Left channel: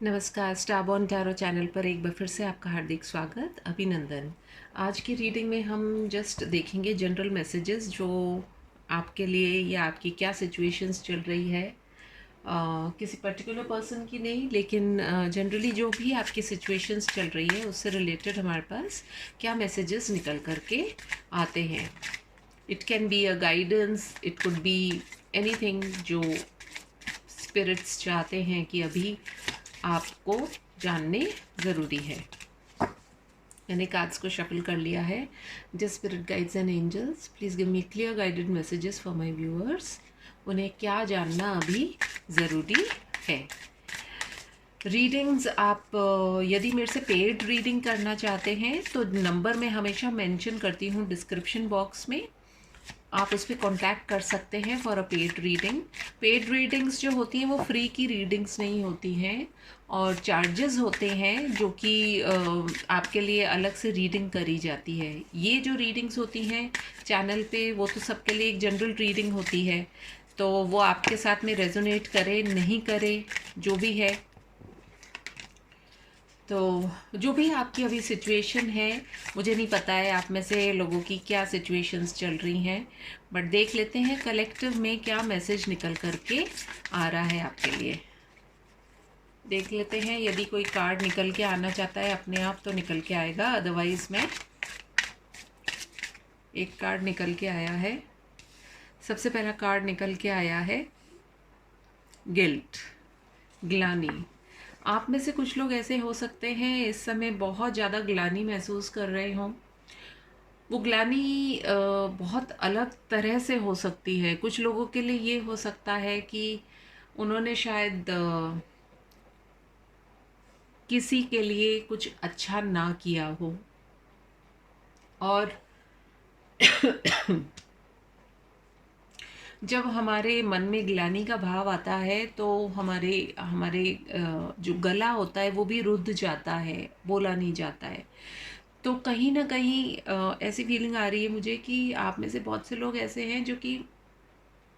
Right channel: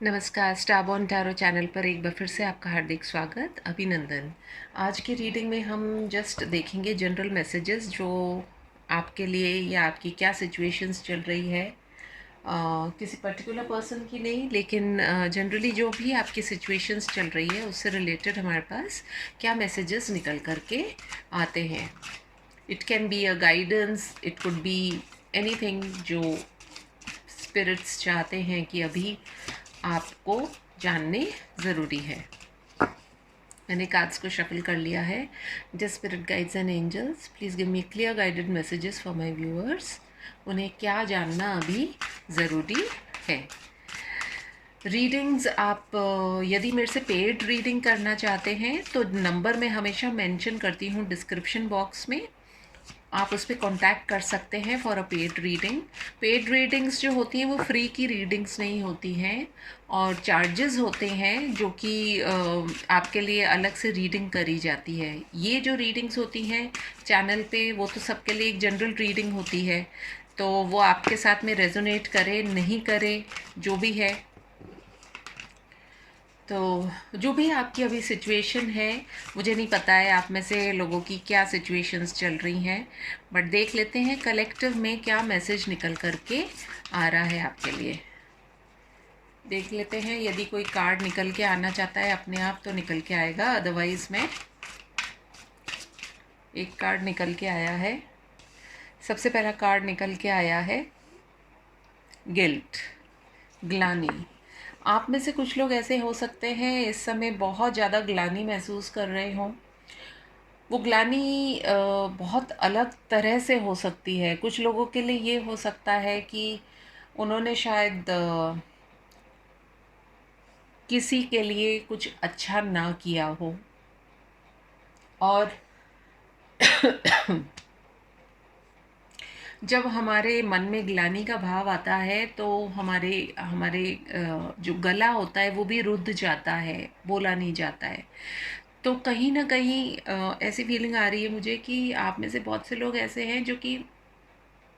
नमस्कार, स्टारबॉर्न tarot channel पर एक बार फिर से आपका हार्दिक स्वागत, अभिनंदन। आज की रीडिंग में हम जस्ट देखेंगे जनरल मैसेजेस जो आपके लिए या आपकी क्या सिचुएशंस चल रही है। किसी पर्टिकुलर पर्सन की नहीं, लेकिन जनरली जो भी आपकी सिचुएशंस चल रही है उससे रिलेटेड हमारे पास क्या मैसेजेस निकल करके आते हैं। It can be a guidance, it could be anything जो स्पिरिट्स चाहते हैं कि अभी आपको जानने ज़रूरी है। मैंने कार्ड्स को शफल कर लिया है। Just spirit guides and angels, please give me clear guided messages for my viewers. उन्हें क्या जानना अभी ज़रूरी है। रीडिंग्स आप यदि मेरे से पेड रीडिंग करना चाहते हैं तो नंबर मैं हमेशा मेंशन करती हूँ डिस्क्रिप्शन बॉक्स में, आप उस पर कॉन्टैक्ट कर सकते हैं for a paid reading. Paid readings जो होती हैं वो फ्री की रीडिंग्स नहीं होती हैं और चार्जेस होते हैं जो कि आपके लिए अलग से रीडिंग करी जाती है। ये जो रीडिंग्स होती हैं चैनल पे वो तो सबके लिए एक जनरल रीडिंग होती है, तो वो आपके साथ में रेजोनेट करे नहीं करे जो भी है, तो जो भी आपकी अभी सिचुएशन है, मुझे नहीं पता है आप में से लोगों की क्या सिचुएशंस चल रही हैं, बट देख लेते हैं कलेक्टिव में क्या मैसेज निकल करके आ रहा है आपके लिए। देख लेते हैं, यदि कोई कार्ड निकल के आना चाहता है अपने आप तो निकल के आएगा, अदरवाइज में एक कार्ड निकल के आया है। सबसे पहला कार्ड निकल के आया है गिल्ट, ग्लानी। आप में से कुछ लोग ऐसे हो सकते हैं इस समय बहुत ज़्यादा ग्लानी महसूस कर रहे हों। वो ग्लानी बहुत अलग तरह से हो सकती है। कुछ लोगों के लिए ये हो सकता है कि उन्होंने शायद किसी के लिए कुछ अच्छा ना किया हो, और जब हमारे मन में ग्लानि का भाव आता है तो हमारे हमारे जो गला होता है वो भी रुद्ध जाता है, बोला नहीं जाता है। तो कहीं ना कहीं ऐसी फीलिंग आ रही है मुझे कि आप में से बहुत से लोग ऐसे हैं जो कि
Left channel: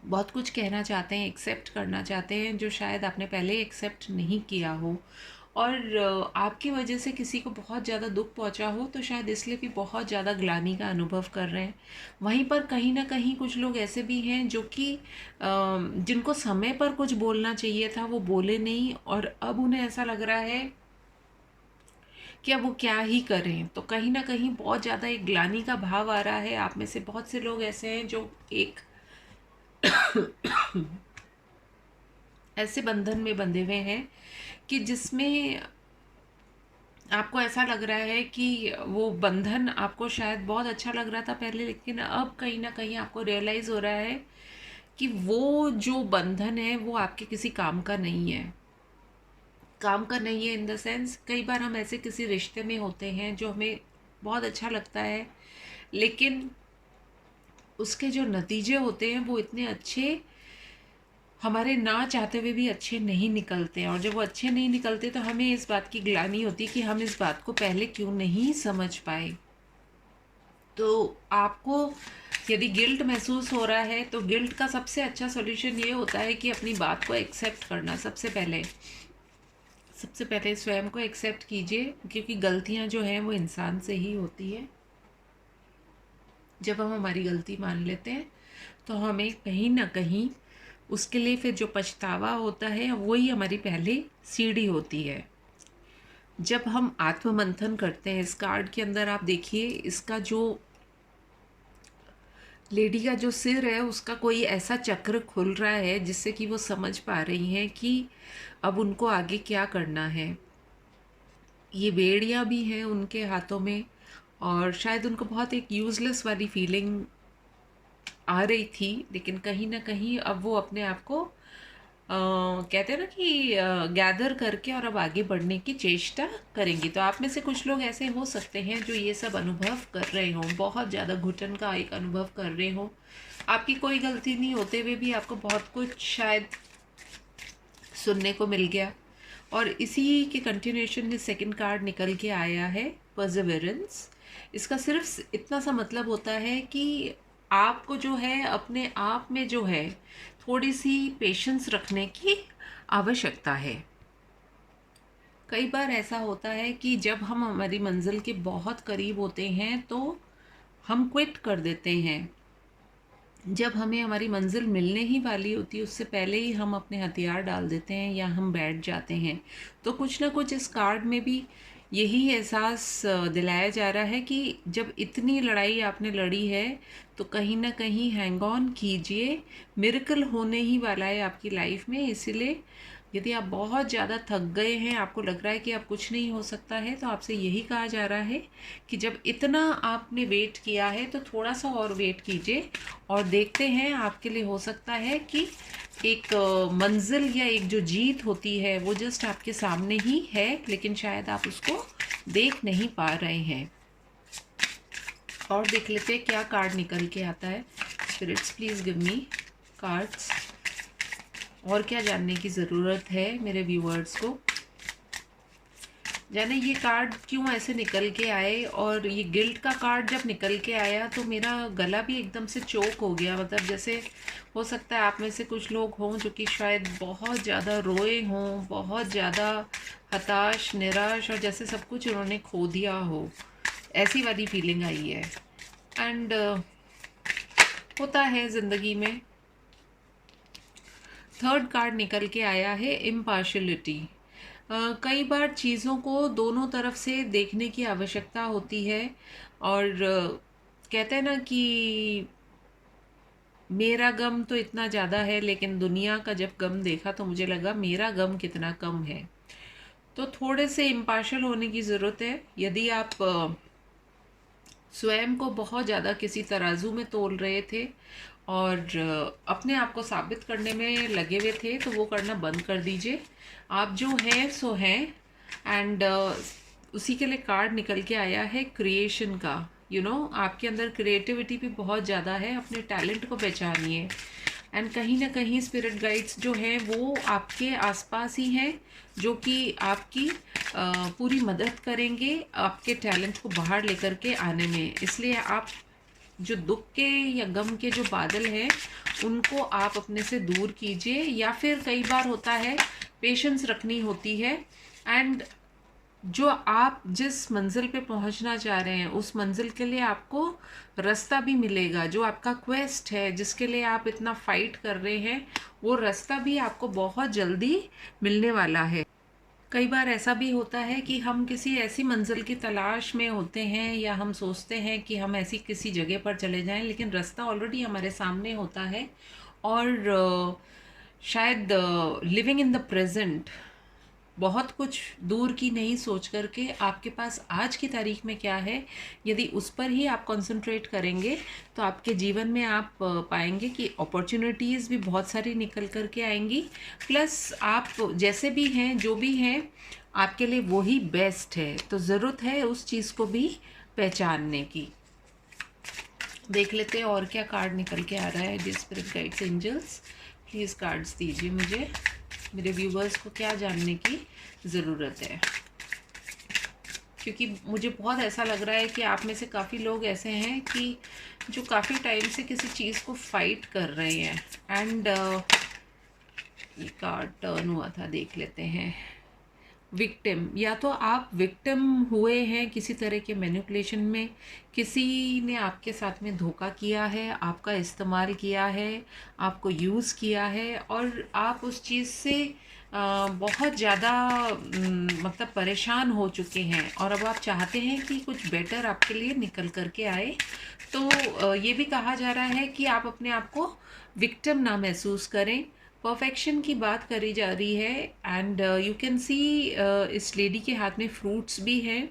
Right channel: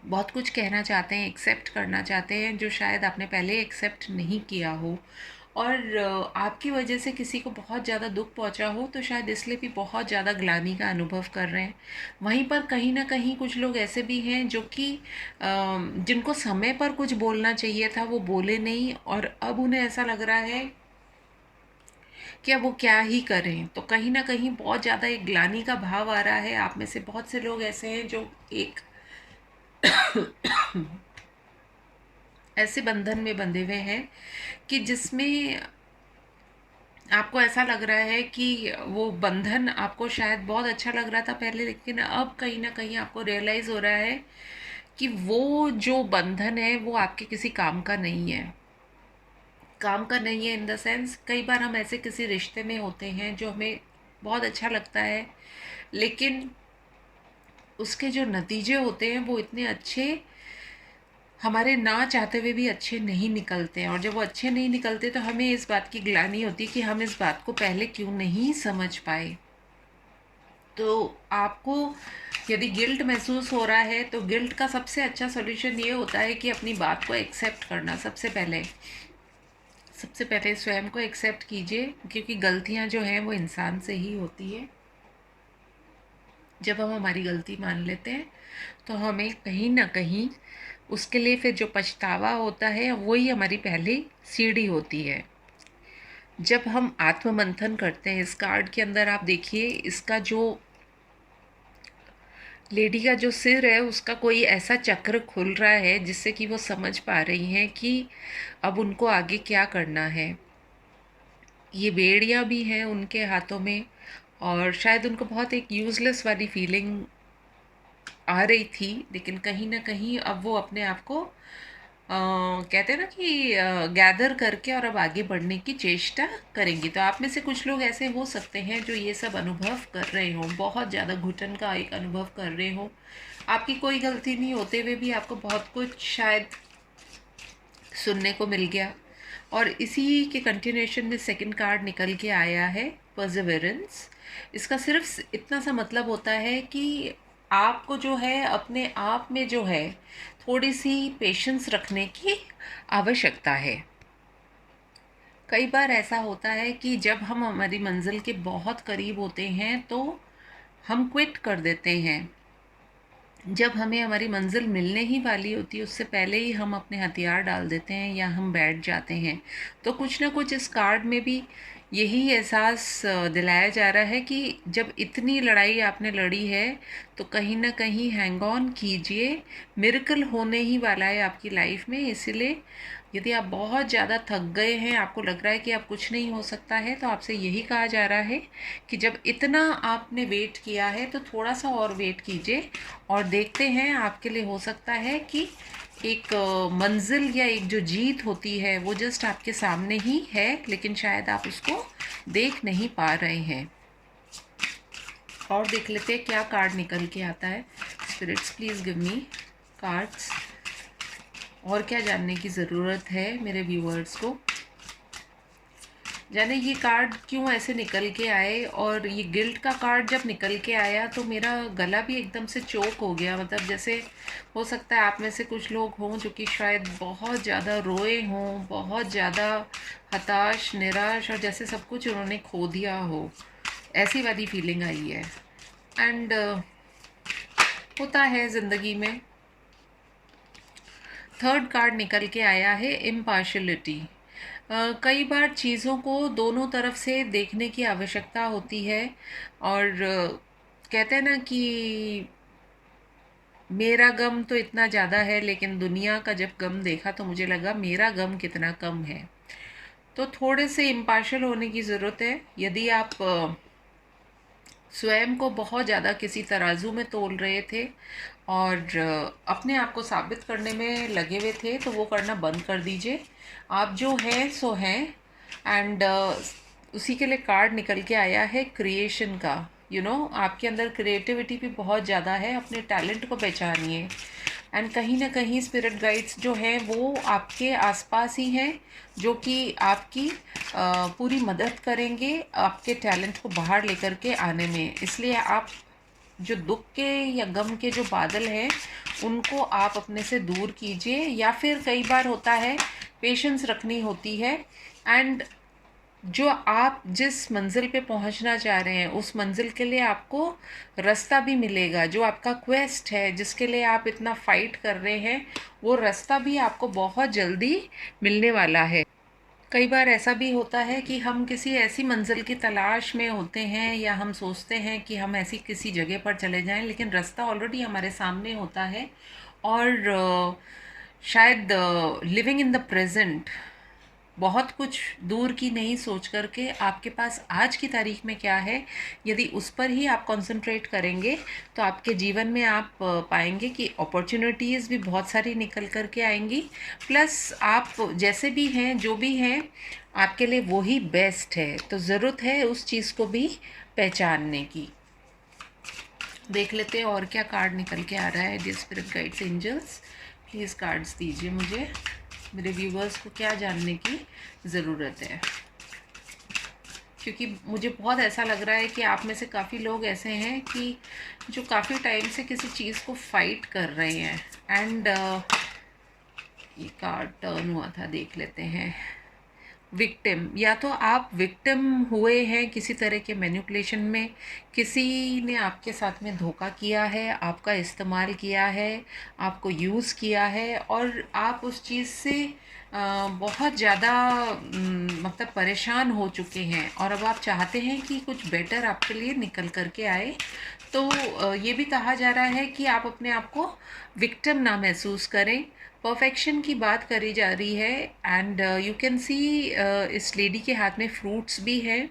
बहुत कुछ कहना चाहते हैं, एक्सेप्ट करना चाहते हैं जो शायद आपने पहले एक्सेप्ट नहीं किया हो, और आपकी वजह से किसी को बहुत ज़्यादा दुख पहुंचा हो तो शायद इसलिए भी बहुत ज़्यादा ग्लानि का अनुभव कर रहे हैं। वहीं पर कहीं ना कहीं कुछ लोग ऐसे भी हैं जो कि जिनको समय पर कुछ बोलना चाहिए था वो बोले नहीं, और अब उन्हें ऐसा लग रहा है कि अब वो क्या ही करें। तो कहीं ना कहीं बहुत ज़्यादा एक ग्लानि का भाव आ रहा है। आप में से बहुत से लोग ऐसे हैं जो एक ऐसे बंधन में बंधे हुए हैं कि जिसमें आपको ऐसा लग रहा है कि वो बंधन आपको शायद बहुत अच्छा लग रहा था पहले, लेकिन अब कहीं ना कहीं आपको रियलाइज़ हो रहा है कि वो जो बंधन है वो आपके किसी काम का नहीं है। काम का नहीं है इन द सेंस, कई बार हम ऐसे किसी रिश्ते में होते हैं जो हमें बहुत अच्छा लगता है, लेकिन उसके जो नतीजे होते हैं वो इतने अच्छे, हमारे ना चाहते हुए भी अच्छे नहीं निकलते हैं। और जब वो अच्छे नहीं निकलते तो हमें इस बात की ग्लानि होती है कि हम इस बात को पहले क्यों नहीं समझ पाए। तो आपको यदि गिल्ट महसूस हो रहा है तो गिल्ट का सबसे अच्छा सॉल्यूशन ये होता है कि अपनी बात को एक्सेप्ट करना। सबसे पहले स्वयं को एक्सेप्ट कीजिए, क्योंकि गलतियां जो हैं वो इंसान से ही होती है। जब हम हमारी गलती मान लेते हैं तो हमें कहीं ना कहीं उसके लिए फिर जो पछतावा होता है वही हमारी पहली सीढ़ी होती है। जब हम आत्ममंथन करते हैं, इस कार्ड के अंदर आप देखिए, इसका जो लेडी का जो सिर है उसका कोई ऐसा चक्र खुल रहा है जिससे कि वो समझ पा रही हैं कि अब उनको आगे क्या करना है। ये बेड़ियाँ भी हैं उनके हाथों में, और शायद उनको बहुत एक यूज़लेस वाली फीलिंग आ रही थी, लेकिन कहीं ना कहीं अब वो अपने आप को कहते हैं ना कि गैदर करके और अब आगे बढ़ने की चेष्टा करेंगी। तो आप में से कुछ लोग ऐसे हो सकते हैं जो ये सब अनुभव कर रहे हों, बहुत ज़्यादा घुटन का एक अनुभव कर रहे हों। आपकी कोई गलती नहीं होते हुए भी आपको बहुत कुछ शायद सुनने को मिल गया, और इसी के कंटिन्यूएशन में सेकंड कार्ड निकल के आया है परसिवरेंस। इसका सिर्फ इतना सा मतलब होता है कि आपको जो है अपने आप में जो है थोड़ी सी पेशेंस रखने की आवश्यकता है। कई बार ऐसा होता है कि जब हम हमारी मंजिल के बहुत करीब होते हैं तो हम क्विट कर देते हैं। जब हमें हमारी मंजिल मिलने ही वाली होती है उससे पहले ही हम अपने हथियार डाल देते हैं या हम बैठ जाते हैं। तो कुछ ना कुछ इस कार्ड में भी यही एहसास दिलाया जा रहा है कि जब इतनी लड़ाई आपने लड़ी है तो कहीं ना कहीं हैंग ऑन कीजिए। मिरेकल होने ही वाला है आपकी लाइफ में। इसीलिए यदि आप बहुत ज़्यादा थक गए हैं, आपको लग रहा है कि अब कुछ नहीं हो सकता है, तो आपसे यही कहा जा रहा है कि जब इतना आपने वेट किया है तो थोड़ा सा और वेट कीजिए और देखते हैं आपके लिए हो सकता है कि एक मंजिल या एक जो जीत होती है वो जस्ट आपके सामने ही है, लेकिन शायद आप उसको देख नहीं पा रहे हैं। और देख लेते हैं क्या कार्ड निकल के आता है। Spirits please give me cards. और क्या जानने की ज़रूरत है मेरे व्यूअर्स को, जाने ये कार्ड क्यों ऐसे निकल के आए। और ये गिल्ट का कार्ड जब निकल के आया तो मेरा गला भी एकदम से चोक हो गया। मतलब जैसे हो सकता है आप में से कुछ लोग हों जो कि शायद बहुत ज़्यादा रोए हों, बहुत ज़्यादा हताश निराश, और जैसे सब कुछ उन्होंने खो दिया हो, ऐसी वाली फीलिंग आई है। एंड होता है ज़िंदगी में। थर्ड कार्ड निकल के आया है इम्पार्शलिटी। कई बार चीज़ों को दोनों तरफ से देखने की आवश्यकता होती है। और कहते हैं ना कि मेरा गम तो इतना ज़्यादा है, लेकिन दुनिया का जब गम देखा तो मुझे लगा मेरा गम कितना कम है। तो थोड़े से इम्पार्शल होने की ज़रूरत है। यदि आप स्वयं को बहुत ज़्यादा किसी तराजू में तोल रहे थे और अपने आप को साबित करने में लगे हुए थे, तो वो करना बंद कर दीजिए। आप जो हैं सो हैं। एंड उसी के लिए कार्ड निकल के आया है क्रिएशन का। आपके अंदर क्रिएटिविटी भी बहुत ज़्यादा है, अपने टैलेंट को पहचानिए। एंड कहीं ना कहीं स्पिरिट गाइड्स जो हैं वो आपके आसपास ही हैं, जो कि आपकी पूरी मदद करेंगे आपके टैलेंट को बाहर लेकर के आने में। इसलिए आप जो दुख के या गम के जो बादल हैं उनको आप अपने से दूर कीजिए, या फिर कई बार होता है पेशेंस रखनी होती है। एंड जो आप जिस मंजिल पे पहुंचना चाह रहे हैं उस मंजिल के लिए आपको रास्ता भी मिलेगा। जो आपका क्वेस्ट है जिसके लिए आप इतना फाइट कर रहे हैं, वो रास्ता भी आपको बहुत जल्दी मिलने वाला है। कई बार ऐसा भी होता है कि हम किसी ऐसी मंजिल की तलाश में होते हैं या हम सोचते हैं कि हम ऐसी किसी जगह पर चले जाएं, लेकिन रास्ता ऑलरेडी हमारे सामने होता है। और शायद लिविंग इन द प्रेजेंट, बहुत कुछ दूर की नहीं सोच करके आपके पास आज की तारीख में क्या है, यदि उस पर ही आप कंसंट्रेट करेंगे तो आपके जीवन में आप पाएंगे कि अपॉर्चुनिटीज़ भी बहुत सारी निकल कर के आएंगी। प्लस आप जैसे भी हैं, जो भी हैं, आपके लिए वही बेस्ट है। तो ज़रूरत है उस चीज़ को भी पहचानने की। देख लेते हैं और क्या कार्ड निकल के आ रहा है। Dear spirit guides angels, please cards दीजिए मुझे। मेरे व्यूवर्स को क्या जानने की ज़रूरत है, क्योंकि मुझे बहुत ऐसा लग रहा है कि आप में से काफ़ी लोग ऐसे हैं कि जो काफ़ी टाइम से किसी चीज़ को फाइट कर रहे हैं। एंड ये कार्ड टर्न हुआ था, देख लेते हैं। विक्टिम, या तो आप विक्टिम हुए हैं किसी तरह के मैनिपुलेशन में, किसी ने आपके साथ में धोखा किया है, आपका इस्तेमाल किया है, आपको यूज़ किया है, और आप उस चीज़ से बहुत ज़्यादा मतलब परेशान हो चुके हैं, और अब आप चाहते हैं कि कुछ बेटर आपके लिए निकल कर के आए। तो ये भी कहा जा रहा है कि आप अपने आप को विक्टिम ना महसूस करें। परफेक्शन की बात करी जा रही है। एंड यू कैन सी इस लेडी के हाथ में फ्रूट्स भी हैं।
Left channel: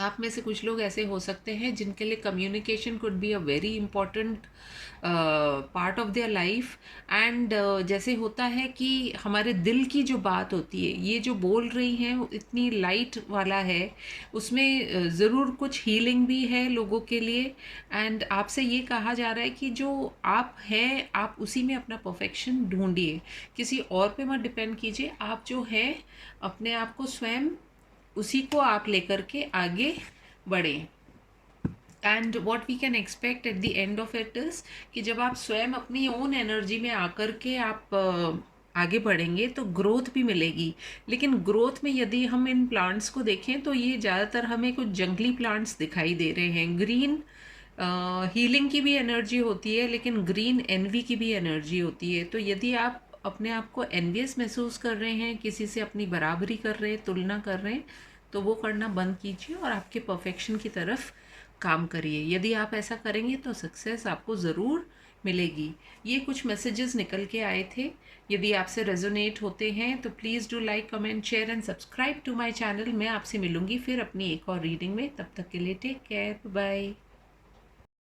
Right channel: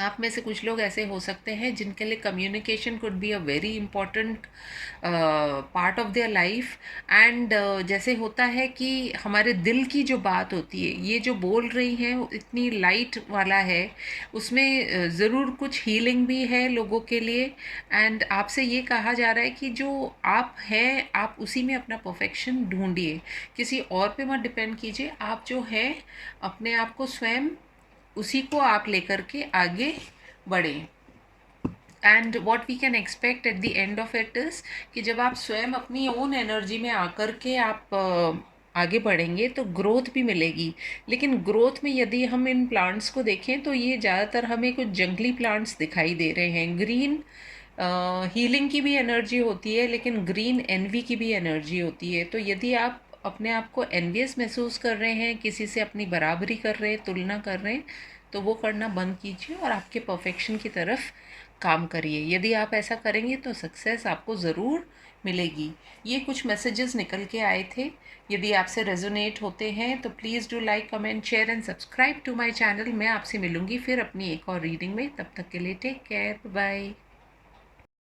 आप में से कुछ लोग ऐसे हो सकते हैं जिनके लिए communication could be a very important part of their life. And जैसे होता है कि हमारे दिल की जो बात होती है, ये जो बोल रही हैं वो इतनी लाइट वाला है, उसमें ज़रूर कुछ हीलिंग भी है लोगों के लिए। एंड आपसे ये कहा जा रहा है कि जो आप हैं आप उसी में अपना परफेक्शन ढूंढिए, किसी और पे मत डिपेंड कीजिए। आप जो हैं अपने आप को स्वयं उसी को आप लेकर के आगे बढ़ें। And what we can expect at the end of it is कि जब आप स्वयं अपनी ओन एनर्जी में आकर के आप आगे बढ़ेंगे तो ग्रोथ भी मिलेगी। लेकिन ग्रोथ में यदि हम इन प्लांट्स को देखें तो ये ज़्यादातर हमें कुछ जंगली प्लांट्स दिखाई दे रहे हैं। ग्रीन हीलिंग की भी एनर्जी होती है, लेकिन ग्रीन एनवी की भी एनर्जी होती है। तो यदि आप अपने आप को एनवियस महसूस कर रहे हैं, किसी से अपनी बराबरी कर रहे हैं, तुलना कर रहे हैं, तो वो करना बंद कीजिए और आपके परफेक्शन की तरफ काम करिए। यदि आप ऐसा करेंगे तो सक्सेस आपको ज़रूर मिलेगी। ये कुछ मैसेजेस निकल के आए थे। यदि आपसे रेजोनेट होते हैं तो please do like, comment, share and subscribe to my channel. मैं आपसे मिलूंगी फिर अपनी एक और रीडिंग में। तब तक के लिए टेक केयर, बाय।